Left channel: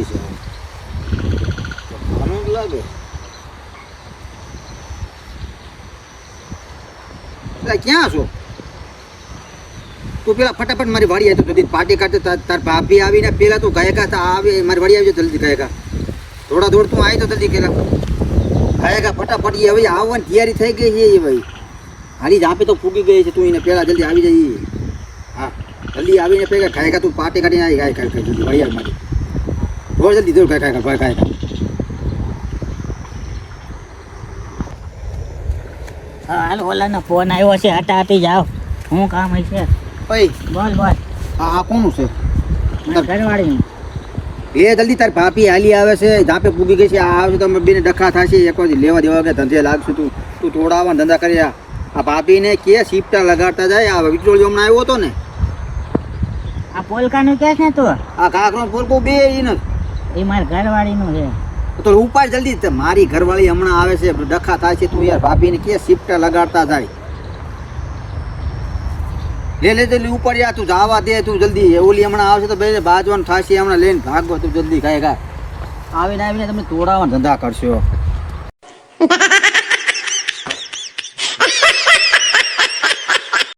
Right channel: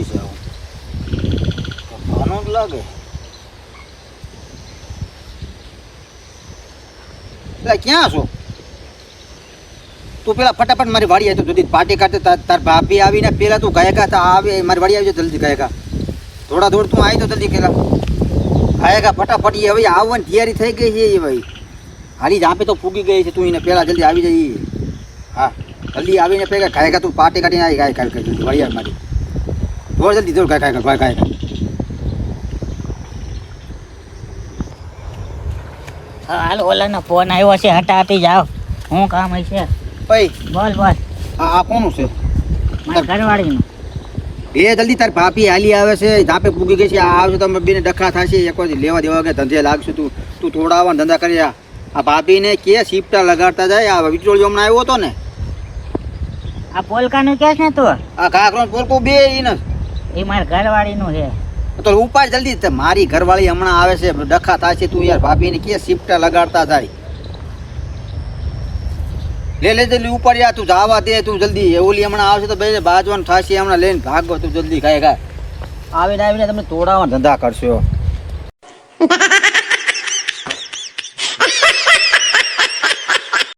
હોય છે આનો જ લાગે ક્યાં છો તું પેલા ફટાફટ મારી વાડી આવી તો જલ્દી પાર્ટી કાઢે તાર ભાભી આવીને પેલા તું ગાયકા આવે મારી વાડી આવી જલ્દી ગાયકા થોડા દોડ તું આવી તો જલ્દી પેલા ગાયકા ફટાફટ એ હવે આવવાની તૈયારી થઈ ગઈ છે એ ભાઈ હારી જાપે તો ફૂગી ગઈ છે તું એને પેલા જલ્દી આવી જઈએ હા જલ્દી આવીને પેલા ગાયકા તું પાર્ટી કાઢીને આવી ગાય ગાય જલ્દી વાડી આવી મારી દોડ જલ્દી દોડ ગાય ભાઈ ગાય હાલ ઓલાનો ફોન આવ્યો છે હટાટી જાઓ શું કામ હશે ભાઈ બોલ બોલ આ કોનું છે ઘરવાળીનું એ જલ્દી તાર ભાભી હાલી આવે છે ધાપે પૂગી ગઈ છે આ આવશે તમે બેને ડખા થશે એક વાર લેવા દેવા કે ધંધે લાગશું તું થોડા આવવા ધંધા કરી આ ભાભીને કે શિફ્ટા લગાડતા જાય આ વિચોળિયો હમણાં આવ્યો હતો ને આ પોલકાનું કે છે ને તું આ કાકરો પોલકું બે ને એ મારા ઘરવાળીનું છે તો ઉપાડ જલ્દી મારી ઘરવાળી હમણાં આવે છે ડખા થાય છે તું યાર ભાભીને કે શિફ્ટા લગાડતા જાય લે જલ્દી ઉપાડ તું જવા દે તું જલ્દી ઓલી હમણાં આવશે તો બે બાજવાનું થશે હમણાં લઈને ભાગો તું જલ્દી ખાય આવીને તમે તોડાવવા ધંધા કરશો